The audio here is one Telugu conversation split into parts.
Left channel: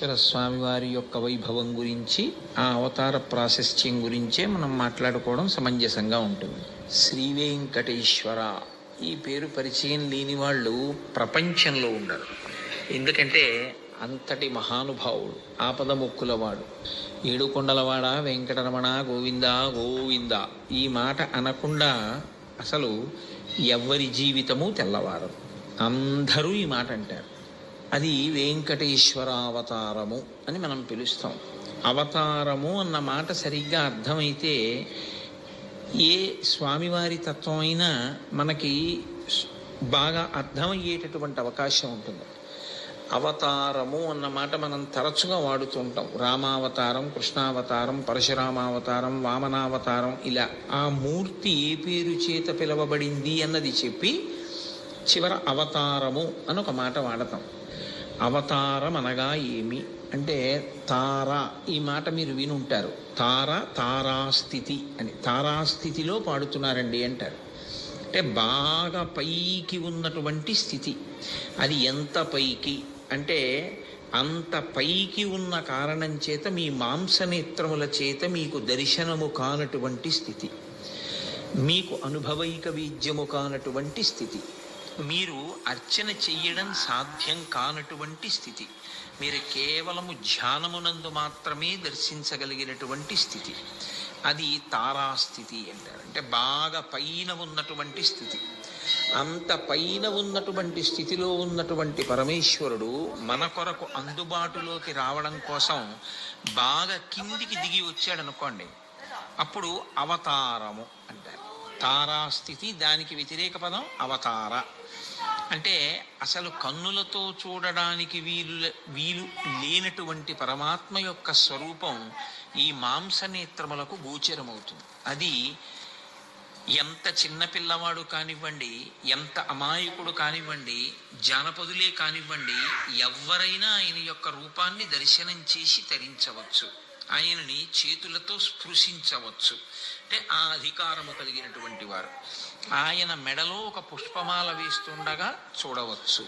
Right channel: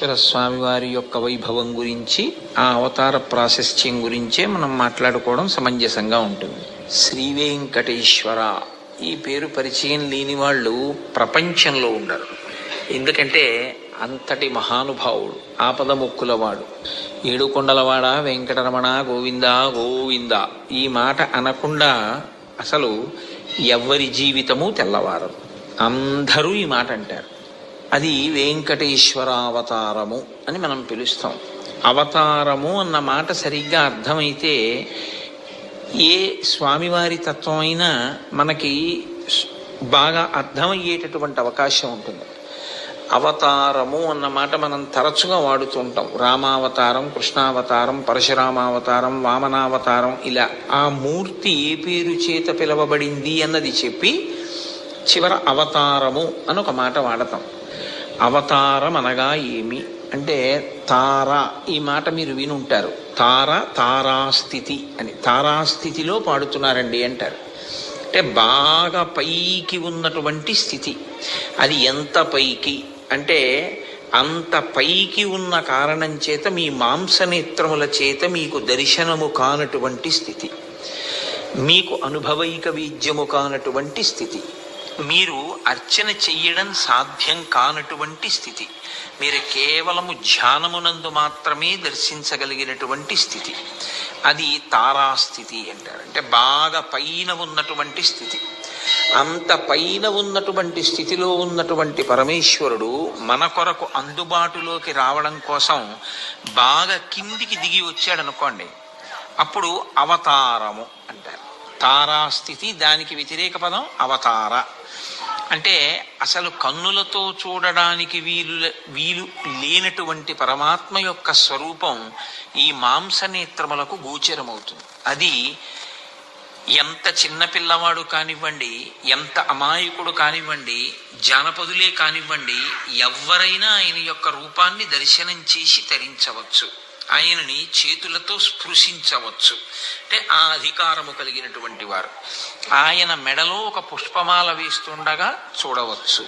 వెంకటేశ్వర స్వామి వారి యొక్క వైభవం గురించి ఆ అవతార ప్రాశస్త్యం గురించే మనం మాట్లాడుకోవడం సమంజసంగా ఉంటుంది. శ్రీ వెంకటేశ్వర. ఈ పేరు పరిచయం లేని వాళ్ళు ప్రపంచంలో ఉండరు. ఎందుకంటే అంతటి మహానుభావుడు ఆపద ముక్కులవాడు ఏడుకొండలవాడ వెంకటరమణ గోవింద గోవింద. ఈ మాట అనకుండా అసలు ఎవ్వరి జీవితము తెల్లవారదు. అందరూ ఈ మాట అంటారు. అది వెంకటేశ్వరావతారము అని మనం పిలుస్తాం. అవతారము అన్న మాట సరిగ్గా అర్థమైతే ఏ స్వామివారి తత్వం అయినా మనకి బాగా అర్థమయ్యేటటువంటి అవకాశం ఉంటుంది. అవతారము అన్న మాట మనం తరచుగా వాడుతుంటాం. రామావతారం కృష్ణావతారం పరశురామావతారం వామనావతారం ఇలా ఆ మూర్తి ఏ పేరు చేత పిలవబడింది అన్నది చెప్పి చివర అవతారము అని ఒక మాట వాడతాం. అవతారం అనగా ఏమి? అంటే తార ఈ మాట మీరు వినుంటారు. తార తారాస్థితి అని. తారాస్థితిలో పాడుతున్నారండి అంటారు. అంటే బాగా పైకి ఉన్నటువంటి స్థితి. అది ఎంత పైకి? అంటే అంత పైకి ఉన్న కారణం చేత మీ మాంసనేత్రముల చేత మీకు దర్శనము కానటువంటి స్థితి. మీకు అనుభవైక వీద్యము కానటువంటి స్థితి. మీరు అర్చన చెయ్యడం సాధ్యం కానటువంటి స్థితి. మీరు కేవలము ధ్యానమునందు మాత్రమే దర్శించగలిగినటువంటి స్థితి. అది తారాస్థితి అంటారు. అంటే బాగా పైన ఉన్నటువంటి స్థితి. అంత పైన ఉన్నటువంటి స్థితిలో ఉన్నటువంటి పరమేశ్వరుడు మన కొరకు అందుబాటులోకి రావడం కోసం బాగా కిందికి దిగి వచ్చాడు అనుకోండి అప్పుడు అవతారము అంటారు. తారాస్థితి దానికి వ్యతిరేక పదం అవతార. అంటే అసలు కన్నులతో చూడడానికి వీలు వీలు లేనటువంటి పరమాత్మ యొక్క స్వరూపం ఈ మాంసనేత్రములకు గోచరమవుతుంది. అది ఎంత చిన్న పిల్లవాడు కానివ్వండి ఎంత అమాయకుడు కానివ్వండి జానపదులే కానివ్వండి ఎవరైనా ఆయన యొక్క రూపాన్ని దర్శనం చేసి తరించవచ్చు. ఆయనని చేతులతో స్పృశించవచ్చు. అంటే ఆ అధికారము కలిగినటువంటి వారు. ఆయన మెడలో ఒక పుష్పమాల వేస్తుండగా చూడవచ్చు.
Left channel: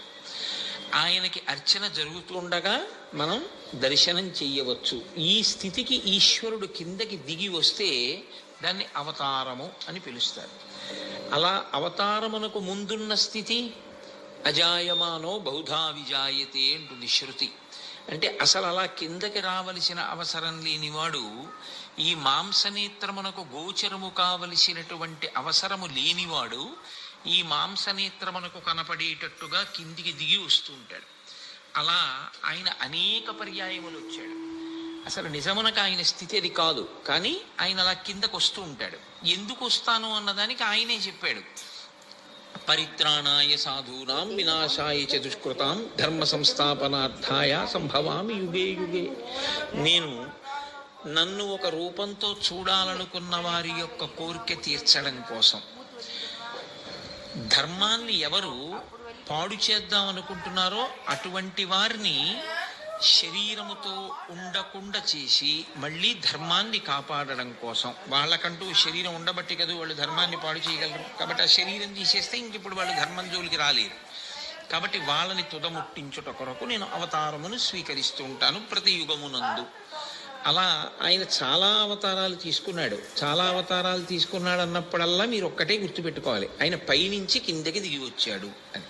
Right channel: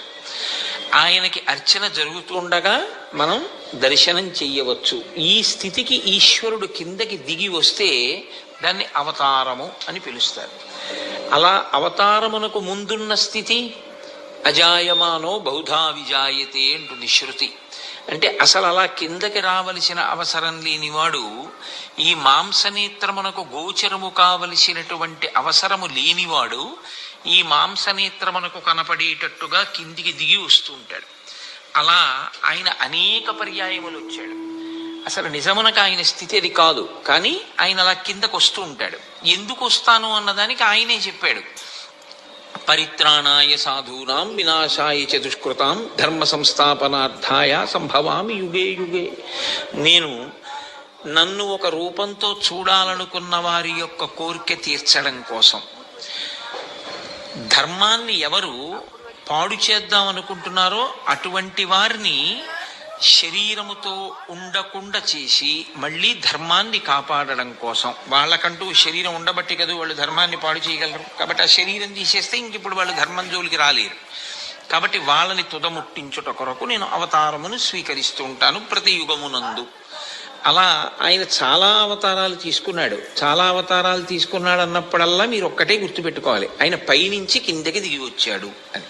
ఆయనకి అర్చన జరుగుతుండగా మనం దర్శనం చెయ్యవచ్చు ఈ స్థితికి ఈశ్వరుడు కిందకి దిగి వస్తే దాన్ని అవతారము అని పిలుస్తారు. అలా అవతారమునకు ముందున్న స్థితి అజాయమానో బౌధా విజాయతే అంటుంది శృతి అంటే అసలు అలా కిందకి రావలసిన అవసరం లేనివాడు ఈ మాంసనేత్రమునకు గోచరము కావలసినటువంటి అవసరము లేనివాడు ఈ మాంసనేత్రమునకు కనపడేటట్టుగా కిందికి దిగి వస్తూ ఉంటాడు. అలా ఆయన అనేక పర్యాయములు వచ్చాడు. అసలు నిజమునకు ఆయన స్థితి అది కాదు కానీ ఆయన అలా కిందకు వస్తూ ఉంటాడు. ఎందుకు వస్తాను అన్నదానికి ఆయనే చెప్పాడు. పరిత్రాణాయ సాధూనాం వినాశాయ చ దుష్కృతాం ధర్మ సంస్థాపనార్థాయ సంభవామి యుగే యుగే. నేను నన్ను ఒక రూపంతో చూడాలనుకున్న వారి యొక్క కోరిక తీర్చడం కోసం. ధర్మాన్ని ఎవరు పాడు చేద్దాం అనుకుంటున్నారో అటువంటి వారిని శరీరముతో ఉండకుండా చేసి మళ్ళీ ధర్మాన్ని కాపాడడం కోసం. వాళ్ళకంటూ శరీరం ఉండబట్టి కదా వాళ్ళు ధర్మాన్ని పాడు చేయగలరు. కాబట్టి ఆ శరీరం తీసేస్తే ఇంక ఇప్పుడు వాళ్ళు ధర్మం జోలికి రాలేరు. కాబట్టి వాళ్ళని తుదముట్టించుట కొరకు నేను అవతారమును స్వీకరిస్తూ ఉంటాను ప్రతి యుగమునందు. అలా ఆయన చాలా అవతారాలు తీసుకున్నాడు. చాలా అవతారాలు తీసుకున్నాడు అన్నప్పుడల్లా మీరు ఒక్కటే గుర్తుపెట్టుకోవాలి. ఆయన పైనుంచి కిందకి దిగి వచ్చాడు అని.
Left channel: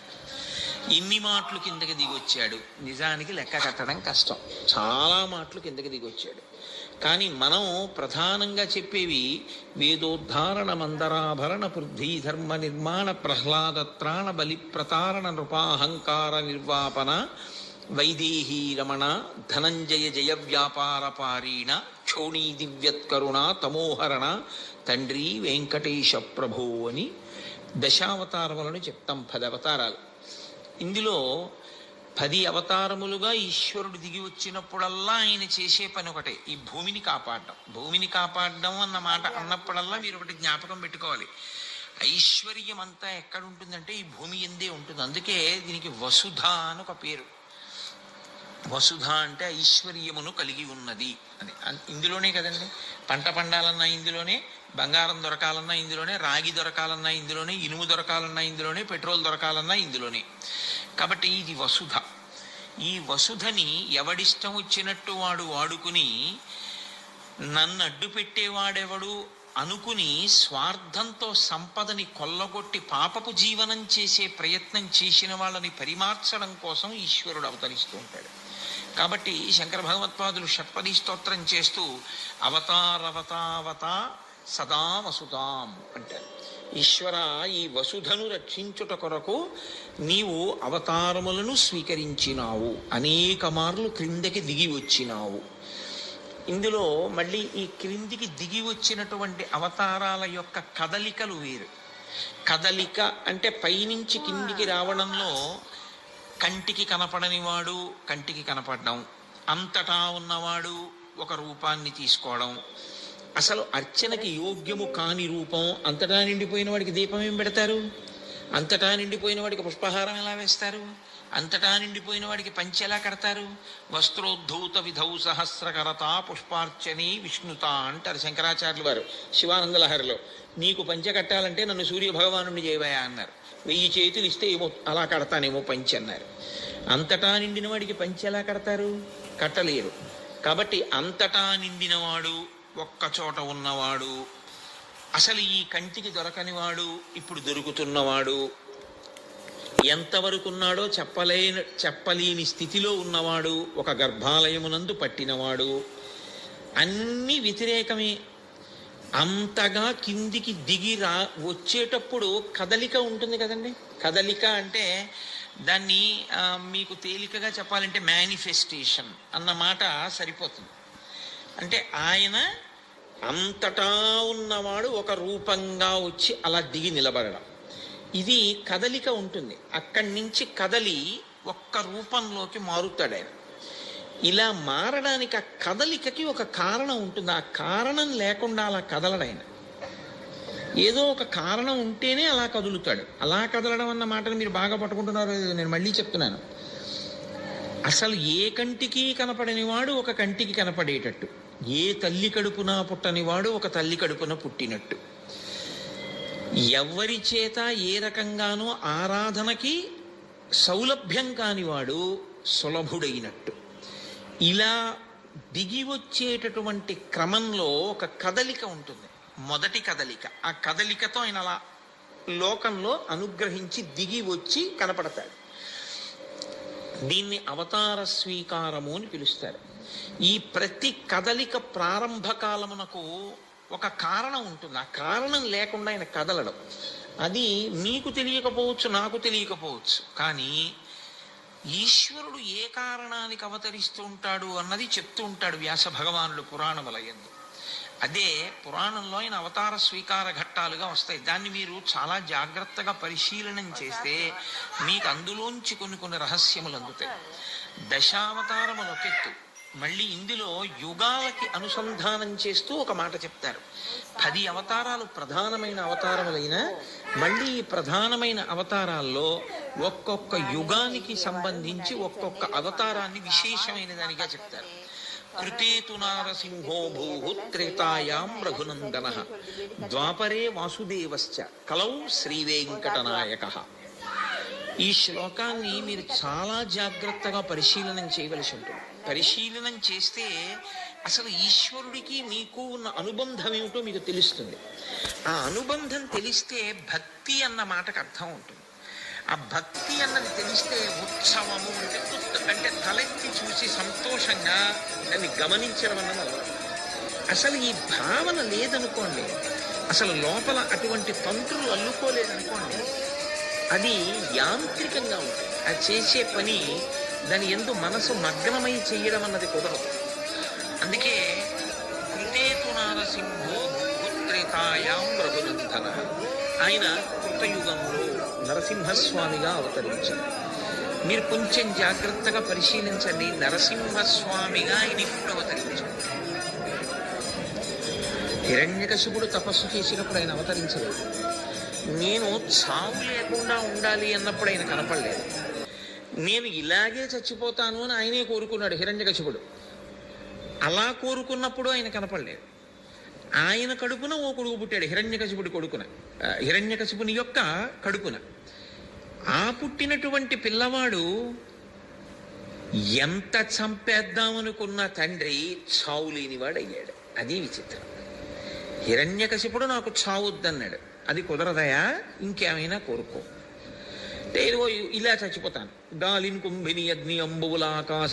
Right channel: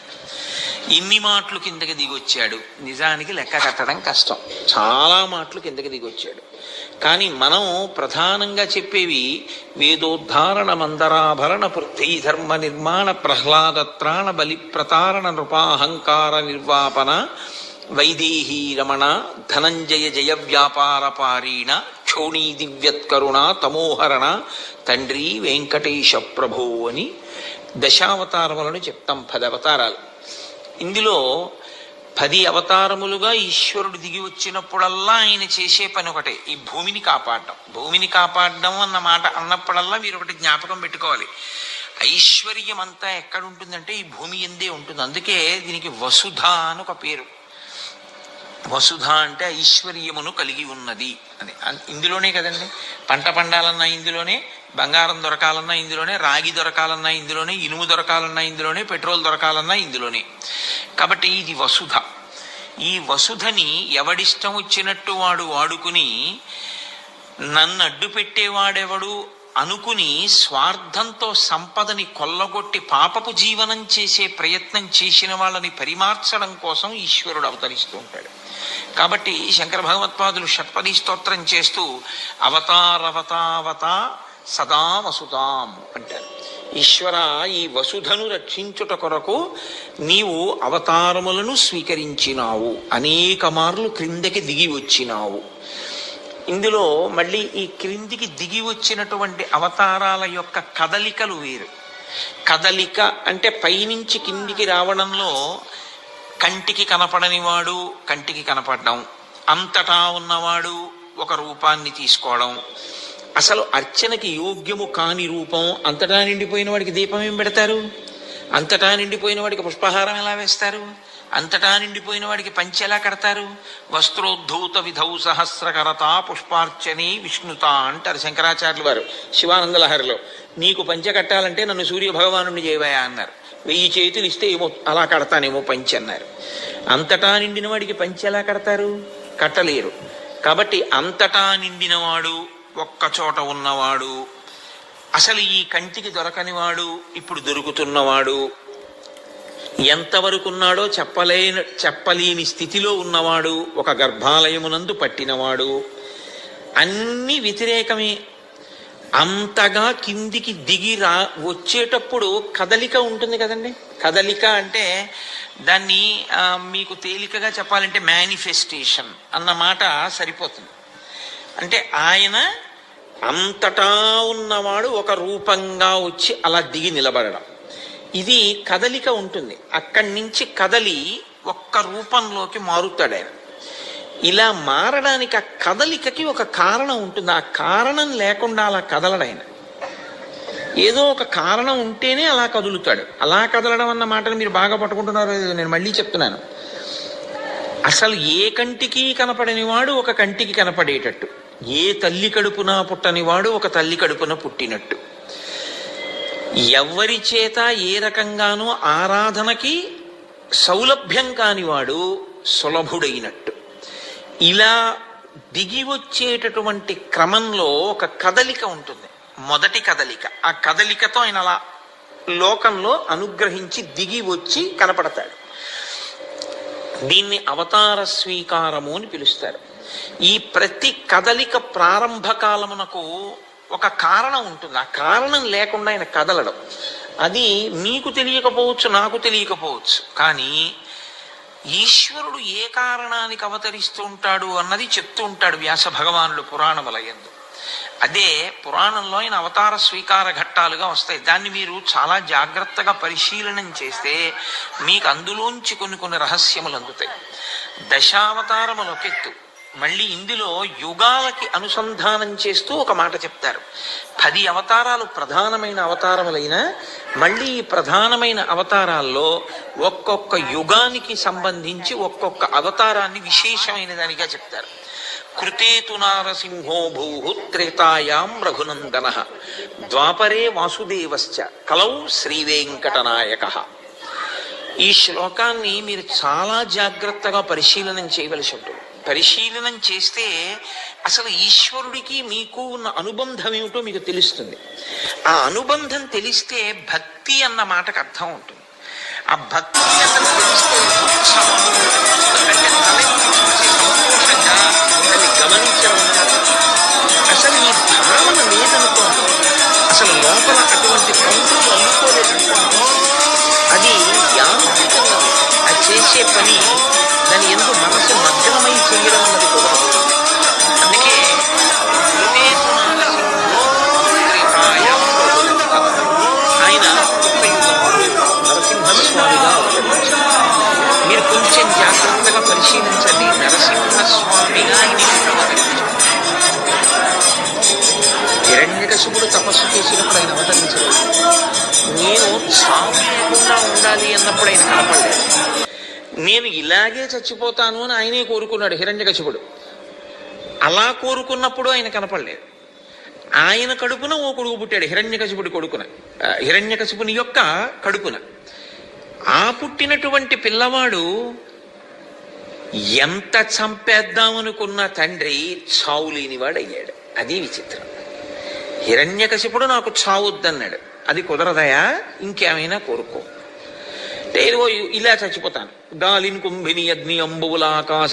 ఇన్ని మాటలు కిందకి దిగొచ్చాడు. నిజానికి లెక్క కట్టడం కష్టం. చాలా మాటలు కిందకి దిగొచ్చాడు. కానీ మనం ప్రధానంగా చెప్పేవి వేదోద్ధారణ మందరాభరణ పృథ్వీ ధర్మ నిర్మాణ ప్రహ్లాదత్రాణ బలి ప్రతారణ నృపాహంకార నిర్వాపన వైదేహీ రమణ ధనంజయ జయ వ్యాపార పారీణ క్షోణీ దివ్యత్కరుణ తమోహరణ తండ్రి వెంకటేశ ప్రభు అని దశావతారములను చెప్తాం పదవతారాలు. ఇందులో పది అవతారములుగా ఈశ్వరుడు దిగి వచ్చినప్పుడల్లా ఆయన చేసే పని ఒకటే ఈ భూమిని కాపాడడం భూమిని కాపాడడం అన్న మాట అన్నప్పుడల్లా మీరు ఒకటి జ్ఞాపకం పెట్టుకోవాలి. ఐశ్వర్యం అంతా ఎక్కడ ఉంటుందంటే ఈ భూమి ఎందే ఉంటుంది. అందుకే దీనికి వసుధ అని ఒక పేరు. వసుధ అంటే ఐశ్వర్యమును కలిగి ఉన్నది అని. ఇందులోనే కదండి. పంట పండాలన్నా ఇందులోనే బంగారం దొరకాలన్నా ఇందులోనే రాగి దొరకాలన్నా ఇందులోనే ఇనుము దొరకాలన్నా ఇందులోనే పెట్రోల్ దొరకాలన్నా ఇందులోనే. కాబట్టి ఇది వసుధ. ఈ వసుధని ఎవడిష్టం వచ్చినట్టు వాడు వాడుకుని నన్ను అడ్డు పెట్టేవాడెవడు అనుకుని స్వార్థంతో సంపదని కొల్లగొట్టి పాపపు జీవనం చేసే ప్రయత్నం చేసిన వాళ్ళని పరిమార్చడం కోసం ఈశ్వరుడు అవతరిస్తూ ఉంటాడు. కాబట్టి శంకర భగవత్పాదులు షట్పది స్తోత్రం చేస్తూ అవతారవతావత సదా వసుతాం అంటారు. ఈశ్వర ఈ వసుధను రక్షించుట కొరకు నీవు అవతారములను స్వీకరించినావు. అనేక మార్లు క్రిందకి దిగి వచ్చినావు. ఇందులో మళ్ళీ ఈ క్రిందికి దిగి వచ్చినటువంటి అవతారాల యొక్క కదలికలు వేరు. కదలిక అంటే పైనుంచి కిందికి రావడంలో కంటికి కనపడని వాడు కంటికి కనపడడం అంతటా ఉన్నవాడు ఒక రూపాన్ని తీసుకోవడం. అసలు అర్చనకి యోగ్యము కాని రూపం అంతటా నిండిపోయిన వాడికి దీపం ఏం పెడతారు? అంతటా నిండిపోయిన వాడికి పుష్పహారం ఎలా వేస్తారు? అంతటా నిండిపోయిన వాడికి పంచె ఎలా కడతారు? వస్త్రోద్ధూత విధౌ సహస్రకరత పుష్పార్చని విష్ణుత అంటారు శంకరాచార్యులు వారు శివానంద లహరిలో నీకు పంచె కట్టాలంటే నన్ను సూర్య భగవానుడిని చేయవయా అన్నారు. వెయ్యి చేతులు ఇస్తే ఏమో అలా కడతానేమో పంచె అన్నారు. అంతటా నిండిన వాడికి పంచె ఎలా కడతారు? కట్టలేరు. కాబట్టి అంతటా నిండినవాడు ఒక్క చోట ఉన్నవాడు అసలు ఈ కంటికి దొరకనివాడు ఇప్పుడు దొరుకుతున్నవాడు ఎంతవరకు ఉన్నాడో చెప్పలేని చెప్పలేని స్థితిలో ఉన్నవాడు ఒక గర్భాలయమునందు పట్టినవాడు. అన్ని వ్యతిరేకమే. అంతగా కిందికి దిగి రా వచ్చేటప్పుడు కదలిక ఉంటుంది కదండి. కదలిక అంటే దాన్ని మీకు తేలికగా చెప్పాలంటే మేనిఫెస్టేషన్ అన్న మాట సరిపోతుంది. అంటే ఆయన అంతటా ఉన్నవాడు ఒక రూపంగా వచ్చి అలా దిగి నిలబడడం. ఇది కదలిక ఉంటుంది. అక్కడి నుంచి కదలి ఒక్క రూపంలోకి మారుతాడు ఆయన. ఇలా మారడానికి ఆ కదలికకి ఒక కారణం ఉంటుంది. ఆ కారణం లేకుండా అలా కదలడాయన ఏదో ఒక కారణం ఉంటేనే అలా కదులుతాడు. అలా కదలడం అన్న మాటను మీరు బాగా పట్టుకుంటున్నారు నేను మళ్ళీ చెప్తున్నాను. అసలు ఏ కంటికి కనపడని వాడు ఒక కంటికి కనపడేటట్టు. ఏ తల్లి కడుపున పుట్టని వాడు ఒక తల్లి కడుపున పుట్టినట్టు. ఎవరి చేత ఏ రకంగానూ ఆరాధనకి సౌలభ్యం కానివాడు సులభుడైనట్టు. ఇలా దిగి వచ్చేటటువంటి క్రమంలో ఒక కదలిక ఉంటుంది. మొదటి కదలిక. ఆ కదలికతో ఆయన అలా లోకంలో అనుగ్రహించి దిగి వచ్చి కనపడతాడు. దీన్ని అవతార స్వీకారము అని పిలుస్తారు. ఈ ప్రతి కదలిక ప్రారంభ కాలమునకు ఒక కారణం ఉంటుంది. ఆ కారణం లేకుండా ఆయన కదలడం. అది మీకు తెలియకపోవచ్చు నాకు తెలియకపోవచ్చు. కానీ ఈశ్వరుడు ఏ కారణానికి అవతరిస్తూ ఉంటాడు అన్నది చెప్తూ ఉంటాడు వ్యాస భగవానుడు పురాణములయందు అదే పురాణంలో ఆయన అవతార స్వీకార ఘట్టాలుగా వస్తాయి. దాన్ని మీరు చాలా జాగ్రత్తగా పరిశీలనం చేస్తే మీకు అందులోంచి కొన్ని కొన్ని రహస్యములు అందుతాయి. దశావతారములొకెత్తు మళ్ళీ ఇందులో యుగాలకి అనుసంధానం చేస్తూ ఒక మాట చెప్తారు. పది అవతారాలు ప్రధానమైన అవతారములైన మళ్ళీ ప్రధానమైన అవతారాల్లో ఒక్కొక్క యుగానికి సంబంధించి ఒక్కొక్క అవతారాన్ని విశేషమైన దానిగా చెప్తారు. కృతేతు నారసింహో భూ త్రేతాయాం రఘునందన ద్వాపరే వాసుదేవశ్చ కలౌ శ్రీవేంకటనాయక. ఈ శ్లోకాన్ని మీరు చాలా జాగ్రత్తగా పరిశీలనం చేయవలసి ఉంటుంది. పరిశీలనం చేస్తే అసలు ఈశ్వరుడికి మీకు ఉన్న అనుబంధం ఏమిటో మీకు తెలుస్తుంది. ఆ అనుబంధం తెలిస్తే భక్తి అన్న మాటకు అర్థం ఉంటుంది. ఆ భక్తి అన్నది తెలిస్తే కోరుకున్నాడు హిరణ్యకశిపుడు. అలా కోరుకున్నప్పుడు ఆయన కనపడలేదు. ఆయన కడుపున ఓ కొడుకు పుట్టాడు హిరణ్యకశిపుడి కొడుకున. హిరణ్యకశిపుని యొక్క కడుపున. ఆ పుట్టినటువంటి పిల్లవాడు ఎంత చంపేద్దామనుకున్న తండ్రి చావు లేనివాడు అయ్యాడు అది విచిత్రం. హిరణ్యకశిపుడు నాకు చావొద్దన్నాడు. అది కుదరదయా? ఇంకేమైనా కోరుకో. అంటే ఇలా చచ్చిపోతాను. గాలిన్ కుంభిని అగ్ని అంబువుల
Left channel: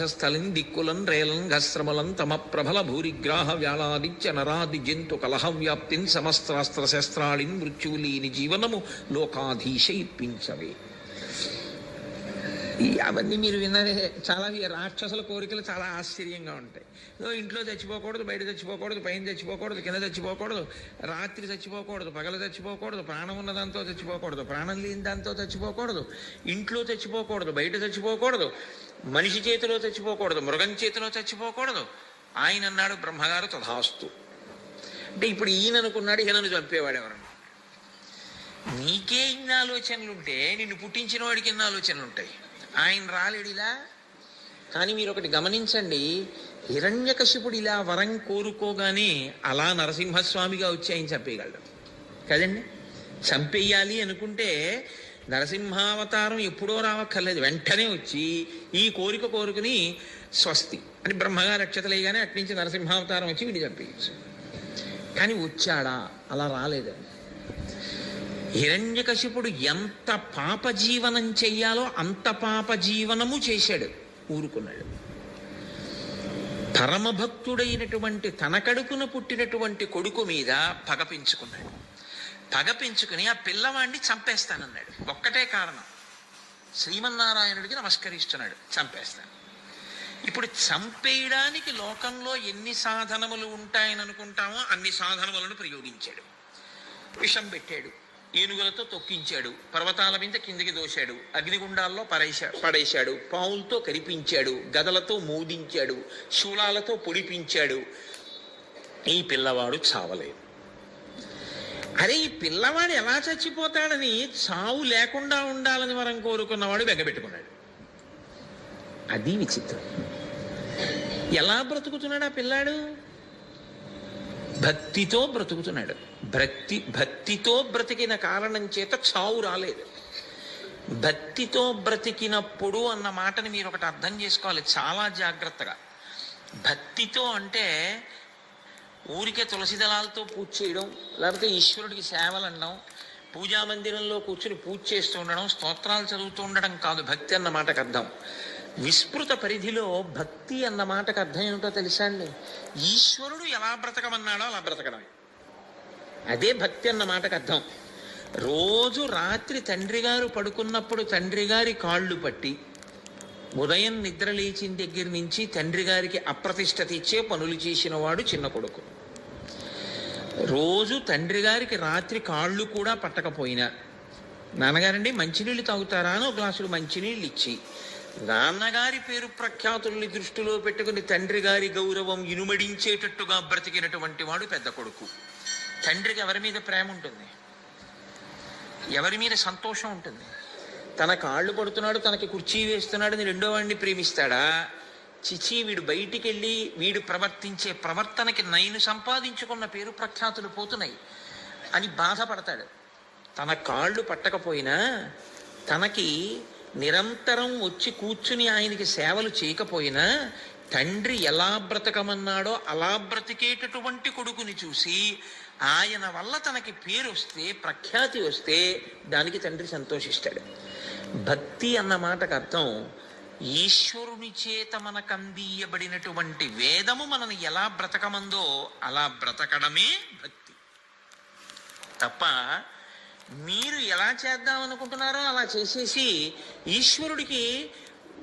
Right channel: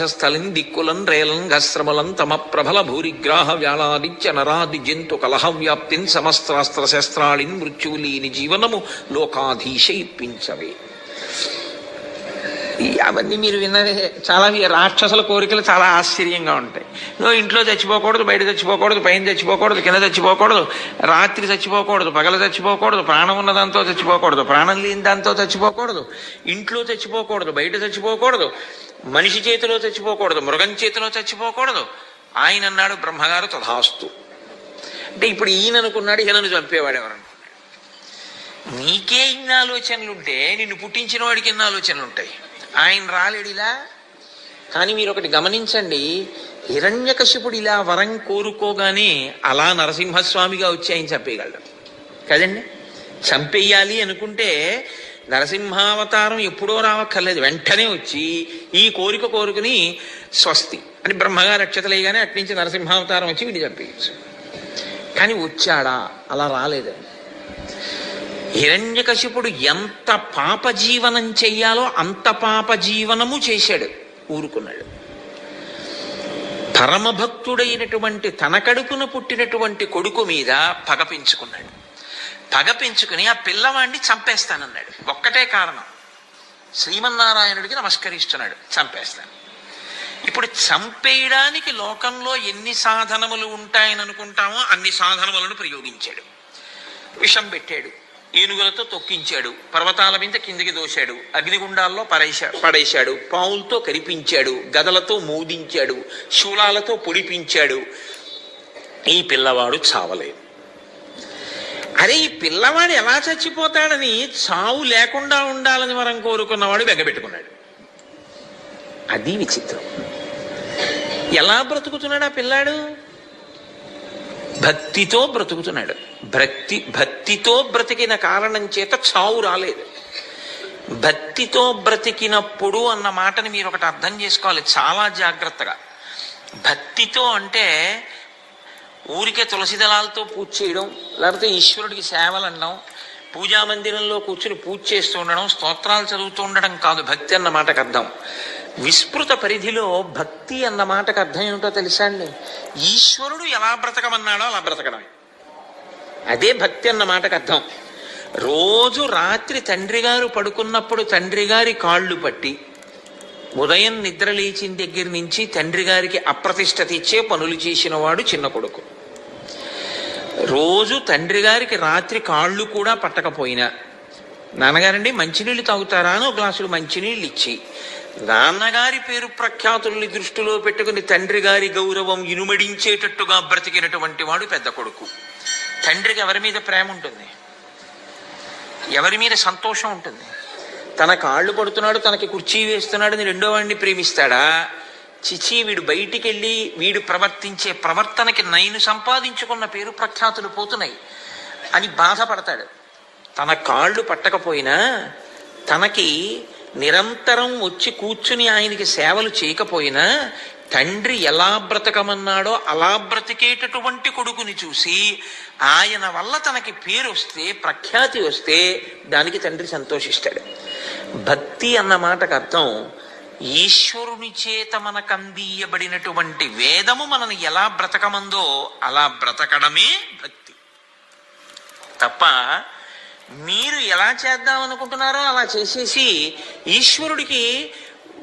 స్థలిన్ దిక్కులన్ రేలన్ గస్రమలం తమ ప్రబల భూరిగ్రాహ వ్యాళాదిత్య నరాది జంతు కలహ వ్యాప్తిన్ సమస్త్రాస్త్ర శస్త్రాళిన్ మృత్యువులీని జీవనము లోకాధీశ ఇప్పించవే అవన్నీ మీరు విన్నదే చాలా ఈ రాక్షసుల కోరికలు చాలా ఆశ్చర్యంగా ఉంటాయి. నువ్వు ఇంట్లో చచ్చిపోకూడదు బయట చచ్చిపోకూడదు పైన చచ్చిపోకూడదు కింద చచ్చిపోకూడదు రాత్రి చచ్చిపోకూడదు పగల చచ్చిపోకూడదు ప్రాణం ఉన్న దాంతో చచ్చిపోకూడదు ప్రాణం లేని దాంతో చచ్చిపోకూడదు ఇంట్లో చచ్చిపోకూడదు బయట చచ్చిపోకూడదు మనిషి చేతిలో చచ్చిపోకూడదు మృగం చేతిలో చచ్చిపోకూడదు. ఆయన అన్నాడు బ్రహ్మగారు తథాస్తు. అంటే ఇప్పుడు ఈయన అనుకున్నాడు ఈయనను చంపేవాడు ఎవరు? నీకే ఇన్ని ఆలోచనలుంటే నిన్ను పుట్టించిన వాడికి ఎన్ని ఆలోచనలు ఉంటాయి ఆయన రాలేడు ఇలా కానీ మీరు ఒకటి గమనించండి హిరణ్యకశిపుడు ఇలా వరం కోరుకోగానే అలా నరసింహస్వామిగా వచ్చి ఆయన చంపేయగలడు. కదండి? చంపేయాలి అనుకుంటే నరసింహావతారం ఎప్పుడో రావక్కర్లేదు. వెంటనే వచ్చి ఈ కోరిక కోరుకుని స్వస్తి. అని బ్రహ్మగారు అక్షతలేగానే అట్నుంచి నరసింహావతారం వచ్చి వీడి చంపేయచ్చు. కానీ వచ్చాడా? అలా రాలేదు. హిరణ్యకశిపుడు ఎంత పాప జీవనం చెయ్యాలో అంత పాప జీవనము చేశాడు ఊరుకున్నాడు. పరమభక్తుడైనటువంటి తన కడుపున పుట్టినటువంటి కొడుకు మీద పగ పెంచుకున్నాడు. పగ పెంచుకుని ఆ పిల్లవాడిని చంపేస్తానన్నాడు. ఒక్కటే కారణం శ్రీమన్నారాయణుడికి నమస్కరిస్తున్నాడు చంపేస్తాను. ఇప్పుడు చంపేయడానికి లోకంలో ఎన్ని సాధనములు ఉంటాయని అనుకుంటామో అన్ని సాధనములను ప్రయోగించాడు. విషం పెట్టాడు ఏనుగులతో తొక్కించాడు. పర్వతాల మీద కిందికి దోశాడు. అగ్నిగుండాల్లో పడేశా పడేశాడు. పావులతో కరిపించాడు. గదలతో మోదించాడు. శూలాలతో పొడిపించాడు. ఈ పిల్లవాడు చావలేదు. అరే ఈ పిల్లవాడు ఎలా చచ్చిపోతాడని చావు లేకుండా ఉండాలని వరం కోరుకున్నవాడు వెగబెట్టుకున్నాడు. అది విచిత్రం. ఎలా బ్రతుకుతున్నాడు ఆ పిల్లాడు? భక్తితో బ్రతుకుతున్నాడు. భక్తి భక్తితో బ్రతికిన కారణం చేత చావు రాలేదు. భక్తితో బ్రతికినప్పుడు అన్న మాటని మీరు ఒకటి అర్థం చేసుకోవాలి చాలా జాగ్రత్తగా. భక్తితో అంటే ఊరికే తులసి దళాలతో పూజ చేయడం లేకపోతే ఈశ్వరుడికి సేవలు అనడం పూజా మందిరంలో కూర్చుని పూజ చేస్తూ ఉండడం స్తోత్రాలు చదువుతూ ఉండడం కాదు భక్తి అన్న మాటకు అర్థం. విస్మృత పరిధిలో భక్తి అన్న మాటకు అర్థం ఏమిటో తెలుసా అండి? ఈశ్వరుడు ఎలా బ్రతకమన్నాడో అలా బ్రతకడం. అదే భక్తి అన్న మాటకు అర్థం. రోజు రాత్రి తండ్రి గారు పడుకున్నప్పుడు తండ్రి గారి కాళ్ళు పట్టి ఉదయం నిద్ర లేచిన దగ్గర నుంచి తండ్రి గారికి అప్రతిష్ట తెచ్చే పనులు చేసిన వాడు చిన్న కొడుకు. రోజు తండ్రి గారికి రాత్రి కాళ్ళు కూడా పట్టకపోయినా నాన్నగారండి మంచినీళ్ళు తాగుతారా అని ఒక గ్లాసులు మంచినీళ్ళు ఇచ్చి నాన్నగారి పేరు ప్రఖ్యాతుల్ని దృష్టిలో పెట్టుకుని తండ్రి గారి గౌరవం ఇనుమడించేటట్టుగా బ్రతికినటువంటి వాడు పెద్ద కొడుకు. తండ్రికి ఎవరి మీద ప్రేమ ఉంటుంది? ఎవరి మీద సంతోషం ఉంటుంది? తన కాళ్ళు పడుతున్నాడు తనకి కుర్చీ వేస్తున్నాడు అని రెండో వాడిని ప్రేమిస్తాడా? చిచి వీడు బయటికి వెళ్ళి వీడు ప్రవర్తించే ప్రవర్తనకి నైను సంపాదించుకున్న పేరు ప్రఖ్యాతులు పోతున్నాయి. అని బాధపడతాడు. తన కాళ్ళు పట్టకపోయినా తనకి నిరంతరం వచ్చి కూర్చుని ఆయనకి సేవలు చేయకపోయినా తండ్రి ఎలా బ్రతకమన్నాడో అలా బ్రతికేటటువంటి కొడుకుని చూసి ఆయన వల్ల తనకి పేరు వస్తే ప్రఖ్యాతి వస్తే దానికి తండ్రి సంతోషిస్తాడు. భక్తి అన్న మాటకు అర్థం ఈశ్వరుని చేత మనకు అందియబడినటువంటి వేదము మనని ఎలా బ్రతకమందో అలా బ్రతకడమే భక్తి. తప్ప మీరు ఎలా చేద్దాం అనుకుంటున్నారో అలా చేసేసి ఈశ్వరుడికి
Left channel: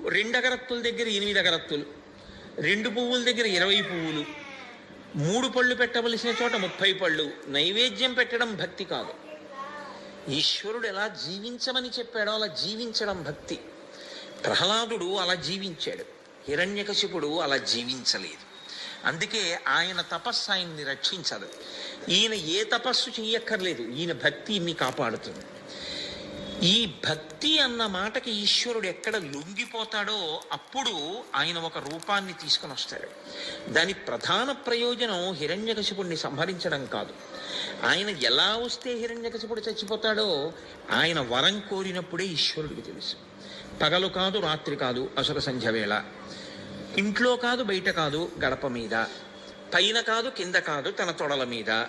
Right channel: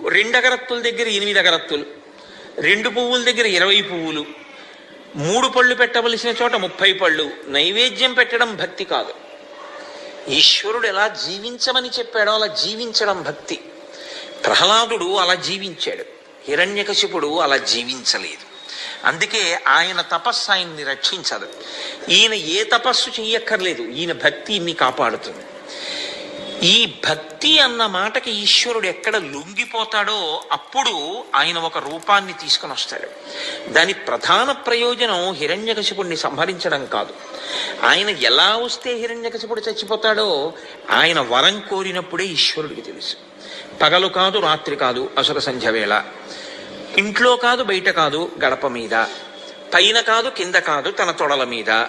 రెండు అగరత్తుల దగ్గర ఎనిమిది అగరత్తులు. రెండు పువ్వుల దగ్గర ఇరవై పువ్వులు మూడు పళ్ళు పెట్టవలసిన చోట ముప్పై పళ్ళు నైవేద్యం పెట్టడం భక్తి కాదు. ఈశ్వరుడు ఎలా జీవించమని చెప్పాడో అలా జీవించడం భక్తి. ప్రహ్లాదుడు అలా జీవించాడు హిరణ్యకశిపుడు అలా జీవించలేదు. అందుకే ఆయన తపస్సు ఆయన్ని రక్షించదు. ఈయన ఏ తపస్సు చెయ్యక్కర్లేదు ఈయన భక్తి ఇన్ని కాపాడుతుంది. ఈ భక్తి అన్న మాటకి ఈశ్వరుడు ఎక్కడ లొంగిపోతాడో అప్పుడు ఆయన ఒక రూపాన్ని తీసుకొని వస్తాడు. దాని ప్రధాన ప్రయోజనం హిరణ్యకశిపుడిని సంహరించడం కాదు. ఆయన ఎలా వస్తే హిరణ్యకశిపుడు చచ్చిపోతాడో ఆయన వరం కోరినప్పుడే ఈశ్వరుడికి తెలుసు. పగలు కాదు రాత్రి కాదు అసుర సంధ్య వేళ. ఇంట్లో కాదు బయట కాదు గడప మీద. పైన కాదు కింద కాదు తన తొడల మీద.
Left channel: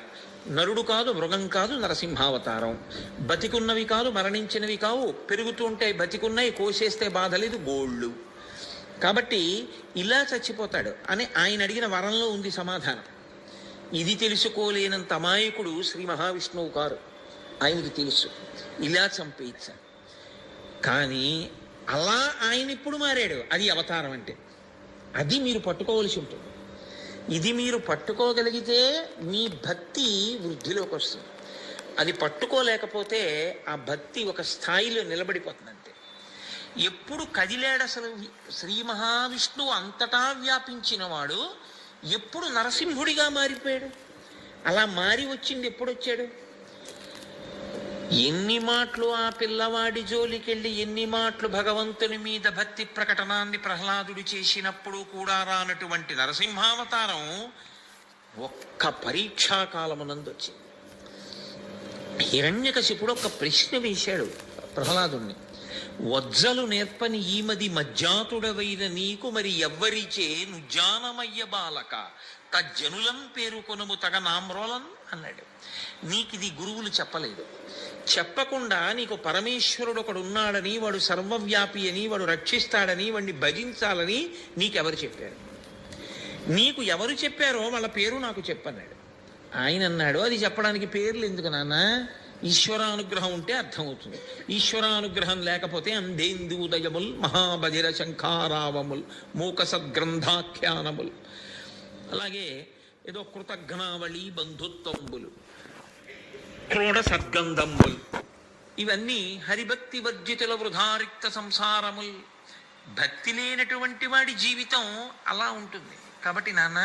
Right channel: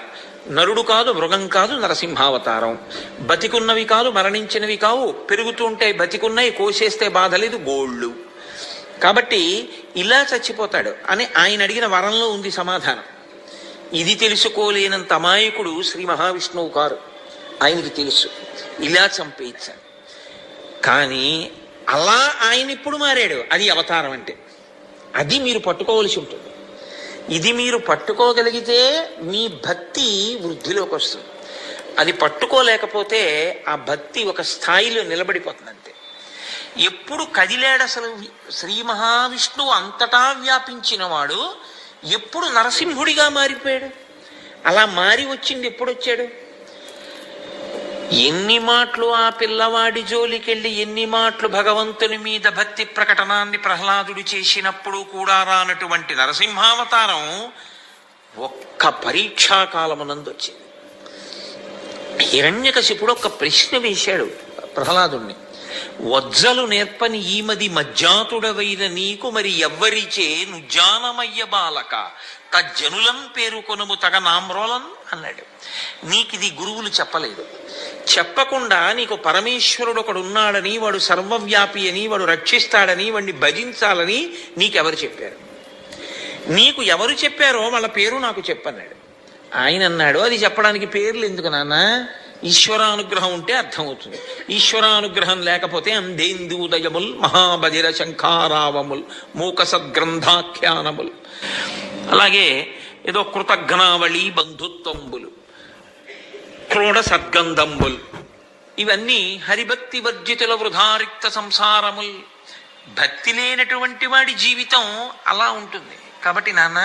నరుడు కాదు మృగం కాదు నరసింహావతారం. బతికున్నవి కాదు మరణించినవి కావు. పెరుగుతుంటే బతికున్నవి కోసేస్తే బాధ లేదు గోళ్ళు. కాబట్టి ఇలా చచ్చిపోతాడు అని ఆయన అడిగిన వరంలో ఉంది సమాధానం. ఇది తెలుసుకోలేనంత అమాయకుడు శ్రీ మహావిష్ణువు కారు. ఆయనకి తెలుసు. ఇలా చంపేయించాడు. కానీ అలా ఆయన ఇప్పుడు మారాడు. అది అవతారం అంటే. అది మీరు పట్టుకోవలసి ఉంటుంది. ఇది మీరు పట్టుకోగలిగితే మీ భక్తి వృద్ధిలోకి వస్తుంది. అది పట్టుకోలేకపోతే ఆ భక్తి ఒక స్థాయిలో నిలబడిపోతుంది అంతే ఎప్పుడు కదిలాడు అసలు శ్రీ మహావిష్ణువు అంతటా వ్యాపించిన వాడు ఎప్పుడు నరసింహుడిగా మారిపోయాడు. అలా మారి వచ్చింది ఎప్పుడు వచ్చాడు? ఎన్ని మాటలు ఆ పిల్లవాడి జోలికెళ్ళి ఎన్ని మాటలు భగవంతుని మీద భక్తి ప్రకటనాన్ని ప్రహ్లాదుడు చేసినప్పుడు కూడా రానటువంటి నరసింహావతారం ఒక్క పరీక్షాకాలమునందు వచ్చింది. హిరణ్యకశిపుడు ఒక ప్రశ్న వేశాడు ప్రహ్లాదుణ్ణి. వజ్జలు నేర్పని ఈమది మజ్జాతుడవైన నీకు మరి ఎవ్వరిచే నుజ్జానమయ్య బాలక తజ్జనులం పేరుకొనుము తగ నామ్రోలం అన్నాడు. నీకిది గురువులు చెప్పలేదు. చెప్పకుండా నీకు పరమేశ్వరుడు ఒకడు ఉన్నాడని వాడు సర్వవ్యాపి అని వాడు రక్షిస్తాడని వాడిని భజించాలని నీకెవరు చెప్పారు? నీకు ఎవరు చెప్పారో వాళ్ళ పేరు నాకు చెప్పన్నాడు. ఆయన అన్నాడు అది చెప్పడానికి పేర్లు ఎందుకు నాన్న? ఈశ్వరానుగ్రహం ఉంటే అర్థమవుతుంది. ఈశ్వరానుగ్రహం లేకపోతే అందేందూదయముల్ మహాబధిర శంఖారావముల్ మూక సద్గ్రంథాఖ్యానముల్ అలాగే ఏదో కృతజ్ఞావళి బంధుత్వంబులు క్రోడ సద్గంధంబులు ఇవన్నీ హరిభక్తి వర్జితుల వృధారిక్త సంసారముల్. భక్తి లేనటువంటి వాడి జీవితం అలా ఉంటుంది. కాబట్టి నాన్న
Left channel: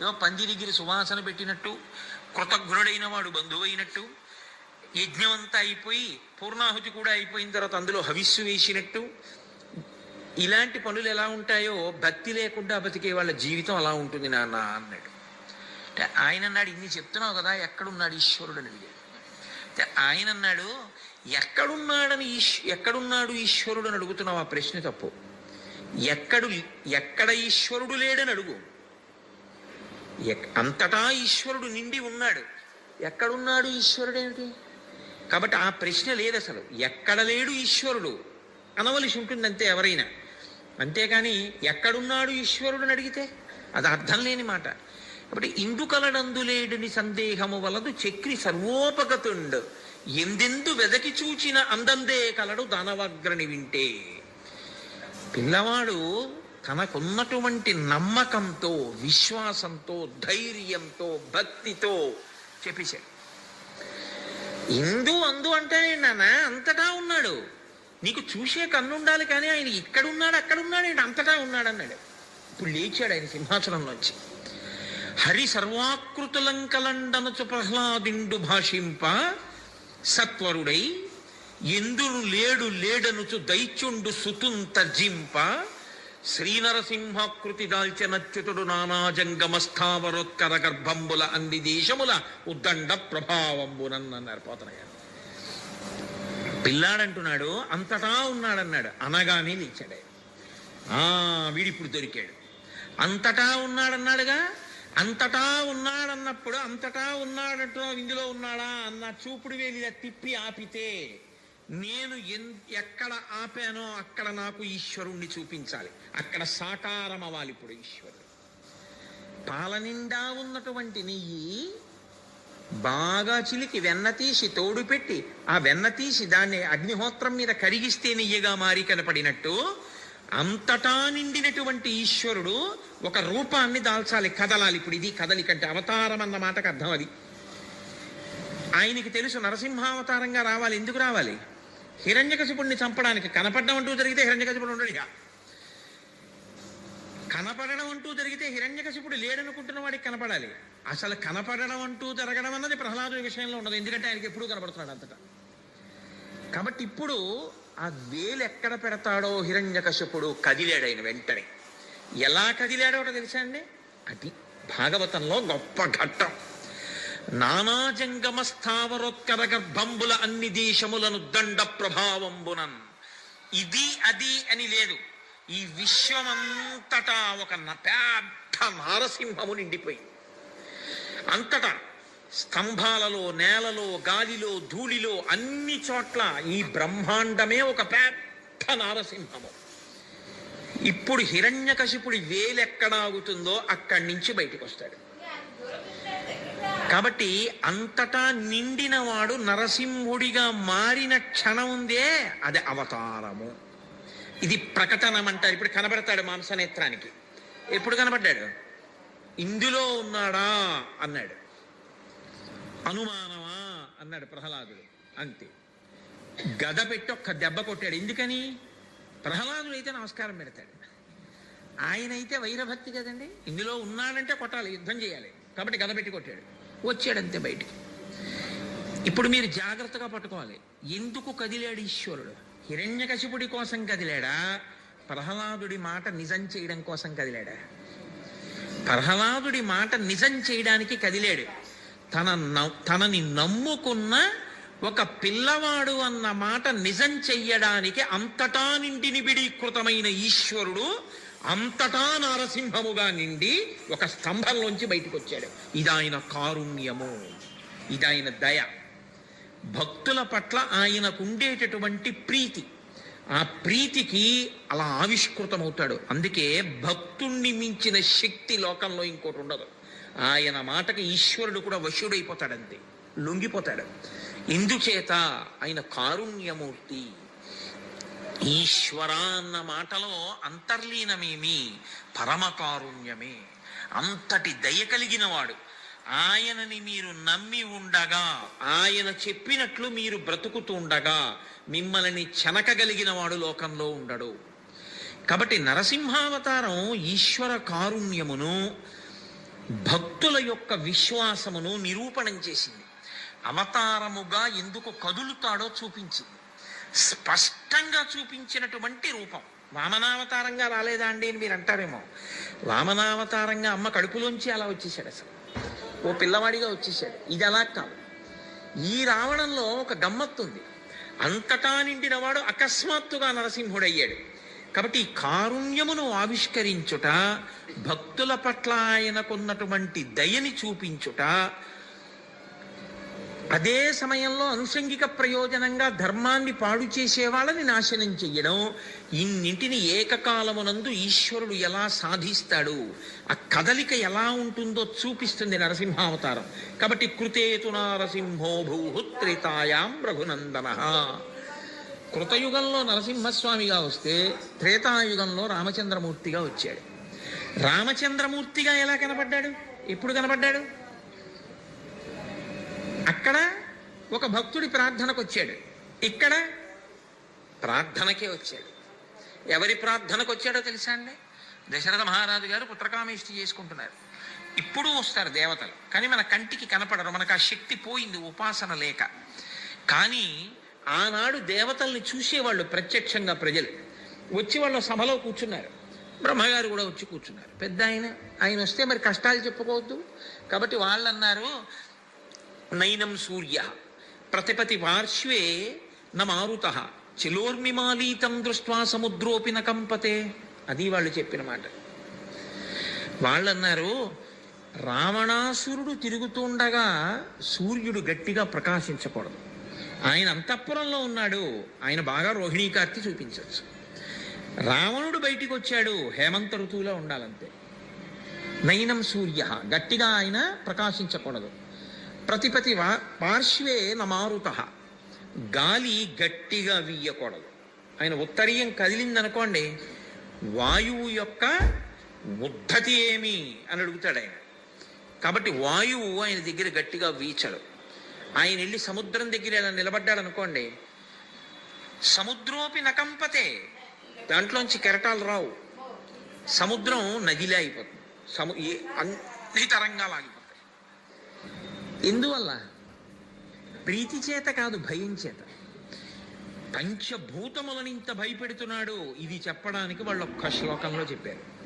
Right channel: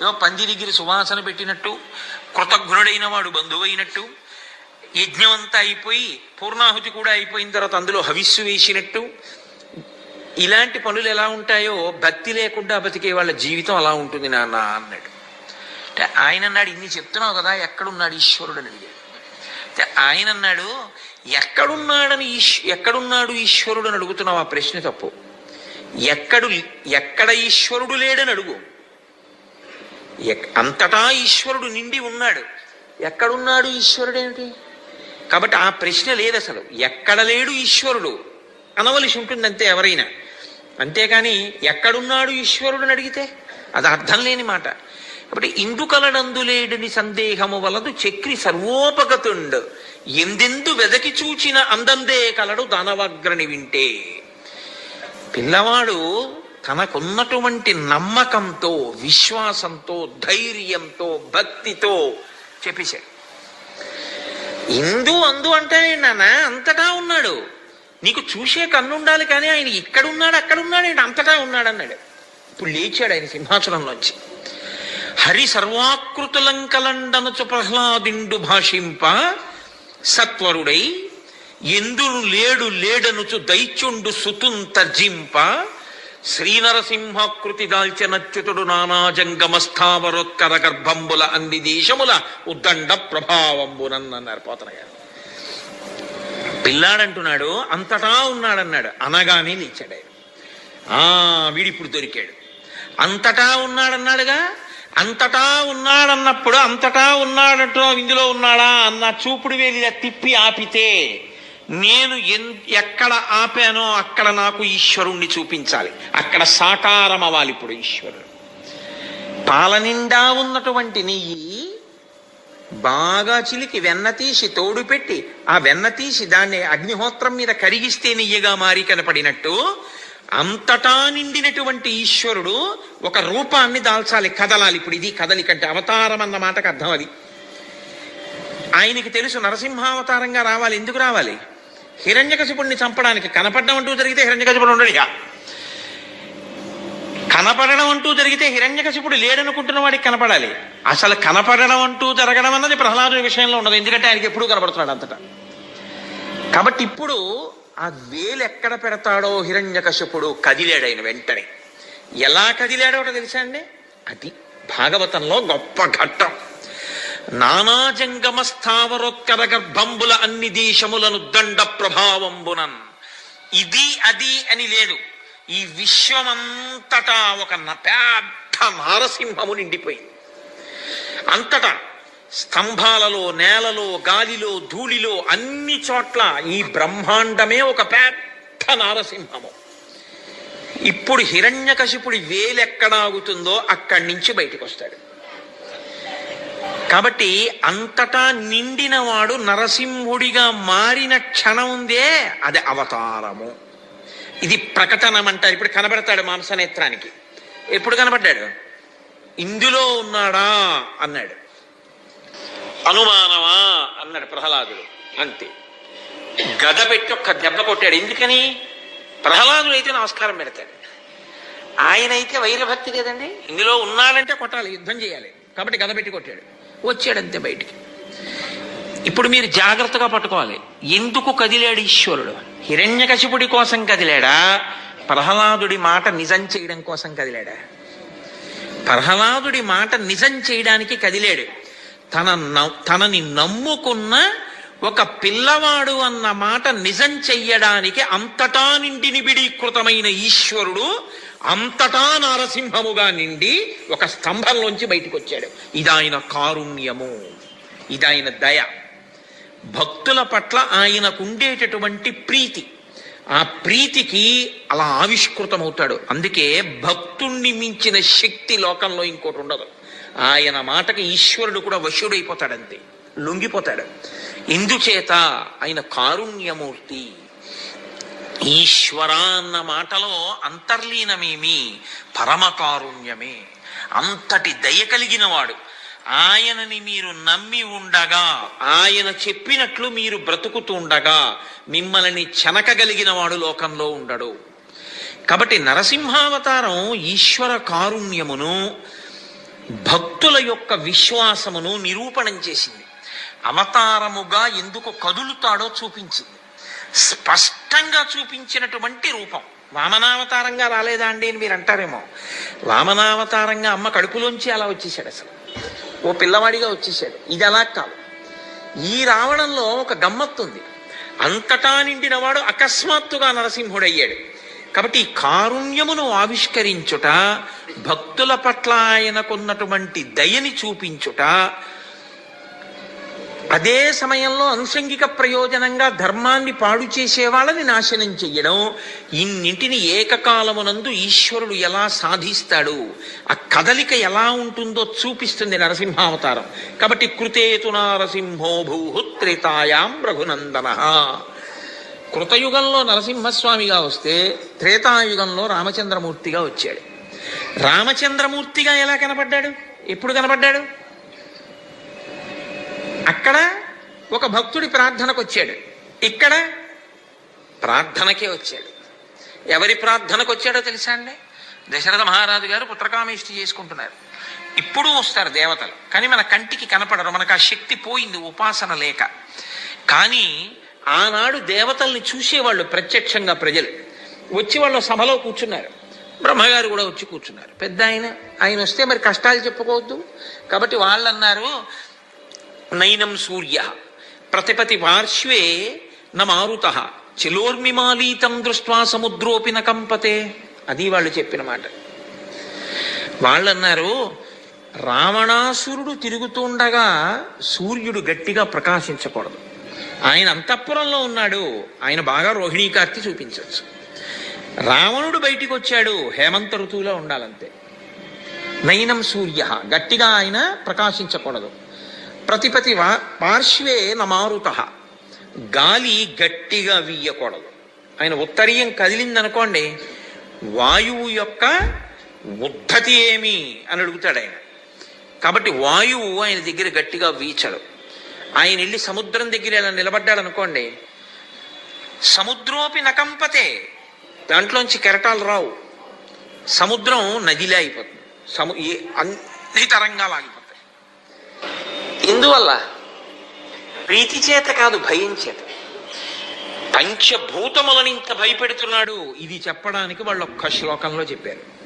ఏదో పందిరిగిరి సువాసన పెట్టినట్టు కృతజ్ఞుడైన వాడు బంధువైనట్టు యజ్ఞం అంతా అయిపోయి పూర్ణాహుతి కూడా అయిపోయిన తర్వాత అందులో హవిస్సు వేసినట్టు ఇలాంటి పనులు ఎలా ఉంటాయో భక్తి లేకుండా బతికే వాళ్ళ జీవితం అలా ఉంటుంది నాన్న అన్నాడు. అంటే ఆయన అన్నాడు ఇన్ని చెప్తున్నావు కదా ఎక్కడున్నాడు ఈశ్వరుడు? అని అడిగాడు. అంటే ఆయన అన్నాడు ఎక్కడున్నాడని ఈశ్ ఎక్కడున్నాడు ఈశ్వరుడు? అని అడుగుతున్నావు ఆ ప్రశ్న తప్పు. ఎక్కడు ఎక్కడ ఈశ్వరుడు లేడని అడుగు. ఎక్- అంతటా ఈశ్వరుడు నిండి ఉన్నాడు. ఎక్కడున్నాడు ఈశ్వరుడు ఏమిటి? కాబట్టి ఆ ప్రశ్న లేదు అసలు. ఎక్కడ లేడు ఈశ్వరుడు? అనవలసి ఉంటుంది అంతే ఎవరైనా. అంతేకాని ఎక్కడున్నాడు ఈశ్వరుడు అడిగితే అది అర్థం లేని మాట. కాబట్టి ఇందుకలనందులేడని సందేహము వలదు చక్రి సర్వోపగతుండు. ఎందెందు వెదకి చూచిన అందందే కలడు ధనవగ్రని వింటే. పిల్లవాడు తనకున్నటువంటి నమ్మకంతో విశ్వాసంతో ధైర్యంతో భక్తితో చెప్పేశాడు. ఇందు అందు అంటే నాన్న అంతటా ఉన్నాడు. నీకు చూసే కన్నుండాలి కానీ ఆయన ఇక్కడున్నాడు అక్కడున్నాడు అక్కడ ఆయన అంతటా ఉన్నాడు అన్నాడు ఇప్పుడు లేచాడు ఆయన సింహాచలంలోంచి. హరి సర్వాకృతులంకలండనచు ప్రహ్లాదిండు భాషింప సత్వరుడై ఎందును లేడు లేడనుచు దైత్యుండు సుతున్ తర్జింప శ్రీనరసింహాకృతి దాల్చనచ్యుతుడు నానాజంగమ స్థావరోత్కర గర్భంబుల అన్ని దేశముల ఉద్దండ ప్రభావంబునన్నారు పోతన పిల్లాడంటున్నాడు అంతటా ఉన్నాడన్నాడు. అనగానే నిచ్చాడు ఆయన ఆ వీడిప్పుడు దొరికాడు. అంతటా ఉన్నాడన్నాడుగా? అంతటా ఉన్నాడన్నప్పుడు అంతటా ఉన్నాడంటో ఇందులో ఉన్నాడా? అన్న చూపుడు వేలి తిప్పి ఆపితే నేను ఎన్ ఎక్కడ ఆపానో అక్కడ నాకు ఈశ్వరుణ్ణి చూపించాలి. అక్కడ సాకారం అవ్వాలి ఇప్పుడు ఈశ్వరుడు. పాలనిండా ఉన్నటువంటి నెయ్యి బాగా చిలికి వెన్న తీసి తోడు పెట్టి ఆ వెన్న తీసి దాన్ని అగ్నిహోత్రం మీద కరిగిస్తే నెయ్యిగా మారి కనపడినట్టు అంతటా నిండినటువంటి ఈశ్వరుడు ఒక రూపాన్ని దాల్చాలి కదలాలి. ఇప్పుడు ఇది కదలికంటే అవతారం అన్న మాటకు అర్థం అది. ఆయనకి తెలుసు నరసింహావతారంగా రావాలి ఎందుకు రావాలి? హిరణ్యకశిపుణ్ణి చంపడానికి కనపడడం అంటూ జరిగితే హిరణ్యకశిపుడు ఇక. కనపడడం అంటూ జరిగితే హిరణ్యకశిపుడు లేడనుకుంటున్న వాడికి కనపడాలి. అసలు కనపడడం అంటూ జరగడం అన్నది ప్రహ్లాదుడి విషయంలో ఉండదు. ఎందుకంటే ఆయనకి ఎప్పుడూ కనపడుతున్నాడు అంతటా. కాబట్టి ఇప్పుడు ఆ వేలు ఎక్కడ పెడతాడో హిరణ్యకశిపుడు కదిలాడు ఆయన వెంటనే. ఎలా కదిలాడో ఒకటి తెలుసా అండి? అది భాగవతంలో గొప్ప ఘట్టం. నానాజంగమ స్థావరోత్కర గర్భంబుల అన్ని దేశములను దండ ప్రభావంబునన్ ఇది అది అని లేదు. ఈ విశ్వమంతటా ఒక పెద్ద నారసింహము నిండిపోయింది. అంతటా స్తంభాలలో నేలలో గాలిలో ధూళిలో అన్ని చోట్ల ఈ బ్రహ్మాండమే ఒక పెద్ద నారసింహము. ఇప్పుడు హిరణ్యకశిపుడి వేలెక్కడాగుతుందో అక్కడి నుంచి బయటకు వస్తాడు కాబట్టి అంతటా నిండినవాడు నరసింహుడిగా మారిన క్షణం ఉందే అది అవతారము. ఇది ప్రకటనం అంటారు. ఇప్పుడు కనబడతాడు మాంసనేత్రానికి. ఎప్పుడు కనబడ్డాడు? ఇందులో ఉన్నాడా? అన్నాడు. అనుమానమా? అన్నాడు ప్రహ్లాదుడు. అంతే. గద పెట్టి ఒక్క దెబ్బ కొట్టాడు. ఎందుకని? ప్రహ్లాదుడు అయితే నమస్కారం పెడతాడు. ఆయన అయితే వైరభక్తి కదండి ఇందులో ఉన్నాడంటే కొట్టాలి. యుద్ధం చేయాలి. కాబట్టి గద పెట్టి కొట్టాడు. వచ్చాడు అంతే బయటికి. ఇప్పుడు మీరు జాగ్రత్తగా పట్టుకోవాలి. ఎందుకు కదిలాడు ఈశ్వరుడు? హిరణ్యకశిపుడి కోసం కదిలాడా? ప్రహ్లాదుడి మాట నిజం చేయడం కోసం కదిలాడా? ప్రహ్లాదుడి మాట నిజం చేయడానికి కదిలాడు. తన తనని నమ్ముకున్న ఒక పిల్లవాడు అన్న మాట నిజం చెయ్యడానికి అంతటా నిండి నిబిడీకృతమైన ఈశ్వరుడు అంతటా నారసింహముగా నిండి ఒక స్తంభంలోంచి బయటికి వచ్చాడు ఇది ఆయన కారుణ్యము. ఇదాయన దయ. భక్తుల పట్ల ఆయనకు ఉండేటటువంటి ప్రీతి. ఆ ప్రీతికి అలా ఆవిష్కృతమవుతాడు. అందుకే భక్తుణ్ణి మించిన శక్తి లోకంలో ఇంకోటి ఉండదు ఆయన మాటకి ఈశ్వరుడు కూడా వశుడైపోతాడంతే. లొంగిపోతాడు. ఇందుచేత ఆయన కారుణ్యమూర్తి. ఈశ్వర అన్న మాటలో అంతర్లీనమేమి? పరమ కారుణ్యమే. అంతటి దయ కలిగిన వాడు ఆయనని మీరు నమ్మి ఉండగా ఆయన చెప్పినట్లు మీరు బ్రతుకుతూ ఉండగా మిమ్మల్ని చెనకగలిగిన వాడు లోకంలో ఉండడు. కాబట్టి నరసింహావతారం ఈశ్వర కారుణ్యమును భక్తుల యొక్క విశ్వాసమును నిరూపణం చేసింది. అవతారముగా ఎందుకు కదులుతాడో చూపించింది స్పష్టంగా చూపించినటువంటి రూపం. వామనావతారంగా రాలేదా అండి అని మీరు అంటారేమో. వామనావతారంగా అమ్మ కడుపులోంచి అలా వచ్చేసాడు అసలు. ఓ పిల్లవాడిగా వచ్చేసాడు ఇది అలా కాదు. ఈ రావడంలో ఒక గమ్మత్తుంది. అంతటా నిండినవాడు అకస్మాత్తుగా నరసింహుడయ్యాడు. కాబట్టి ఈ కారుణ్యమును ఆవిష్కరించుట భక్తుల పట్ల ఆయనకున్నటువంటి దయని చూపించుట అదే సమయంలో అనుషంగిక ప్రయోజనంగా ధర్మాన్ని పాడు చేసే వాళ్ళని నాశనం చెయ్యడం ఇన్నింటిని ఏకకాలమునందు ఈశ్వరుడు ఎలా సాధిస్తాడు ఆ కదలిక ఎలా ఉంటుందో చూపిస్తుంది నరసింహావతారం. కాబట్టి కృతేతు నారసింహో భూహుత్రేతాయాం రఘునందన. కృతయుగంలో నరసింహస్వామిగా వస్తే త్రేతాయుగంలో రామచంద్రమూర్తిగా వచ్చాడు. రామచంద్రమూర్తిగా ఎలా కనపడ్డాడు? ఎప్పుడు కనపడ్డాడు? అక్కడ ఒక భక్తుడి ప్రార్థనకు వచ్చాడు ఇక్కడ ప్రార్థనకే వచ్చాడు. ఎవరి ప్రార్థనకు వచ్చాడో తెలుసా అండి? దశరథ మహారాజు గారు పుత్రకామేష్టి చేసుకుంటున్నారు. ఇప్పుడు వస్తారు దేవతలు కానీ మన కంటికి కనపడరు మనకు ఆ శక్తి పోయింది ఉపాసన లేక. కానీ ఆనాడు దేవతల్ని చూసేవాళ్ళు ప్రత్యక్షంగా ప్రజలు. వచ్చి వాళ్ళు సభలో కూర్చున్నారు. బ్రహ్మగారు కూడా వచ్చి కూర్చున్నారు. పెద్ద ఆయన ఆయన వస్తే మరి కష్టాలు చెప్పుకోవద్దు. కాబట్టి వాళ్ళు అన్నారు నైనం సూర్య. ప్రతిపతి పార్శ్వే న మారుత చిలోర్మిమాలీతం దృష్ట్వా సముద్రోపి కంపతే అది వాళ్ళు చెప్పిన మాట. వాళ్ళన్నారు రావణాసురుడు తిరుగుతుండగా సూర్యుడు గట్టిగా ప్రకాశించకూడదు. ఆయన అంతఃపురంలో ఉన్నాడు. ఆయన బాగా రోహిణీ కార్తి చూపించవచ్చు. రావణుడు బయటికి వచ్చాడు హేమంత ఋతువులో ఉండాలంతే. నయనం సూర్య. గట్టిగా ఆయన ప్రకాశించకూడదు. ప్రతిపతి పార్శ్వే నమారుత. గాలి గట్టిగా వీయకూడదు. ఆయన ఉత్తరీయం కదిలిందనుకోండి వాయువు యొక్క ఉత్పత్తి ఏమి అని అడుగుతాడు ఆయన. కాబట్టి వాయువు ఆయన దగ్గర గట్టిగా వీచడు. ఆయన వెళ్ళి సముద్రం దగ్గర ఇలా నిలబడ్డాడు అనుకోండి సముద్రోపి నకంపతే దాంట్లోంచి కెరటాలు రావు. సముద్రం నదిలే అయిపోతుంది. సము ఈ అన్ని తరంగాలు ఆగిపోతుంది ఎందువల్ల? ప్రీతి చేత కాదు భయం చేత. పంచభూతములను ఇంత భయపెడుతున్నాడు. ఇది చెప్పడానికి వాళ్ళు ఒక్క శ్లోకంలో చెప్పారు.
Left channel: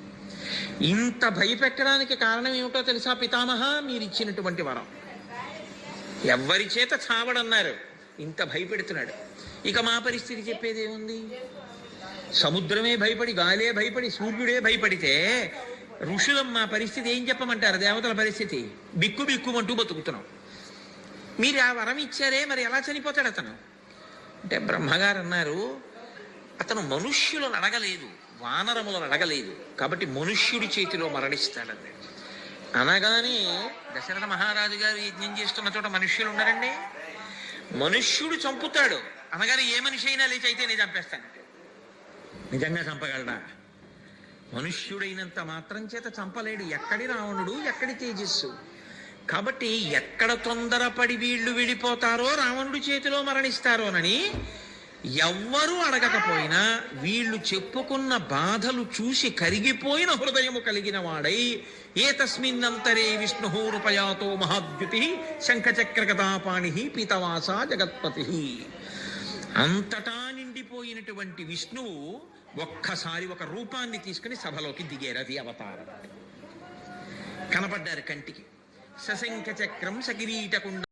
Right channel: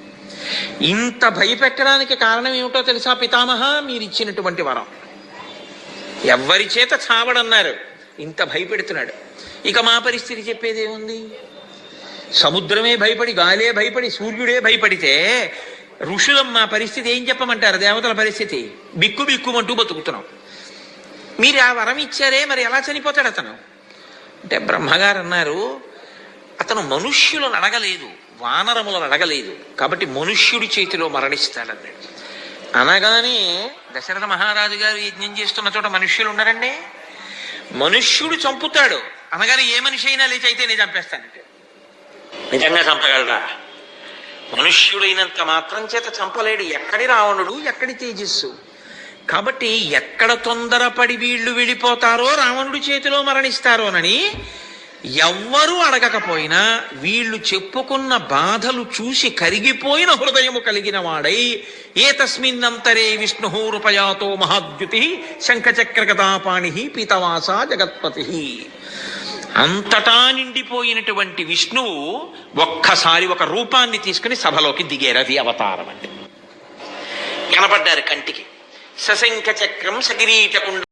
ఇంత భయపెట్టడానికి కారణం ఏమిటో తెలుసా పితామహ? మీరు ఇచ్చినటువంటి వరం. ఎవ్వరి చేత చావడన్నారు. ఇంత భయపెడుతున్నాడు. ఇక మా పరిస్థితి చెప్పేది ఏముంది? సముద్రమే భయపడి గాలే భయపడి సూర్యుడే భయపడితే ఋషులం మా పరిస్థితి ఏం చెప్పమంటారు? దేవతల పరిస్థితి? బిక్కు బిక్కుమంటూ బతుకుతున్నాం. మీరు ఆ వరం ఇచ్చారే మరి ఎలా చనిపోతాడు అతను? అంటే బ్రహ్మగారు అన్నారు అతను మనుష్యులను అడగలేదు వానరములను అడగలేదు కాబట్టి మనుష్యుడి చేతిలో మరణిస్తాడన్నాడు. అనగానే దశరథ మహారాజు గారు యజ్ఞం చేస్తున్న చోట మనుష్యులు ఉన్నారండి? మనుష్యుడు చంపుతాడు. అనగానే ఏ మనిషి అయినా లేచి అయితే నేను చంపేస్తానండి నిజంగా చంపగలరా మనుష్యుడైనంత మాత్రం చేత చంపలేడు. ఎక్కడి రావణుడు ఎక్కడి తేజస్సు? కాబట్టి ఎక్కడ తొందరపడి వీళ్ళు వెళ్ళిపోతారో రావణుడి చేతిలో మరణిస్తారోనని ఎవ్వరూ అడగకపోయినా వీళ్ళు చెప్పుకున్న బాధలు చూసి కరిగిపోయిన హృదయము కలిగిన వాడై ఏ తస్మిన్నంతరే విష్ణు రూపయాతో మహాద్యుతి శంఖచక్రగతాపాణి పీతవాస జగత్పతి. అంతటా నిండిపోయినటువంటి విష్ణువు ఒక్కసారి ఒక రూపాన్ని తీసుకుని సభలోకి దిగేరది అవతారం అంటే కనపడ్డారు కంటికి. సశంఖ చక్రం సకిరీటకుండ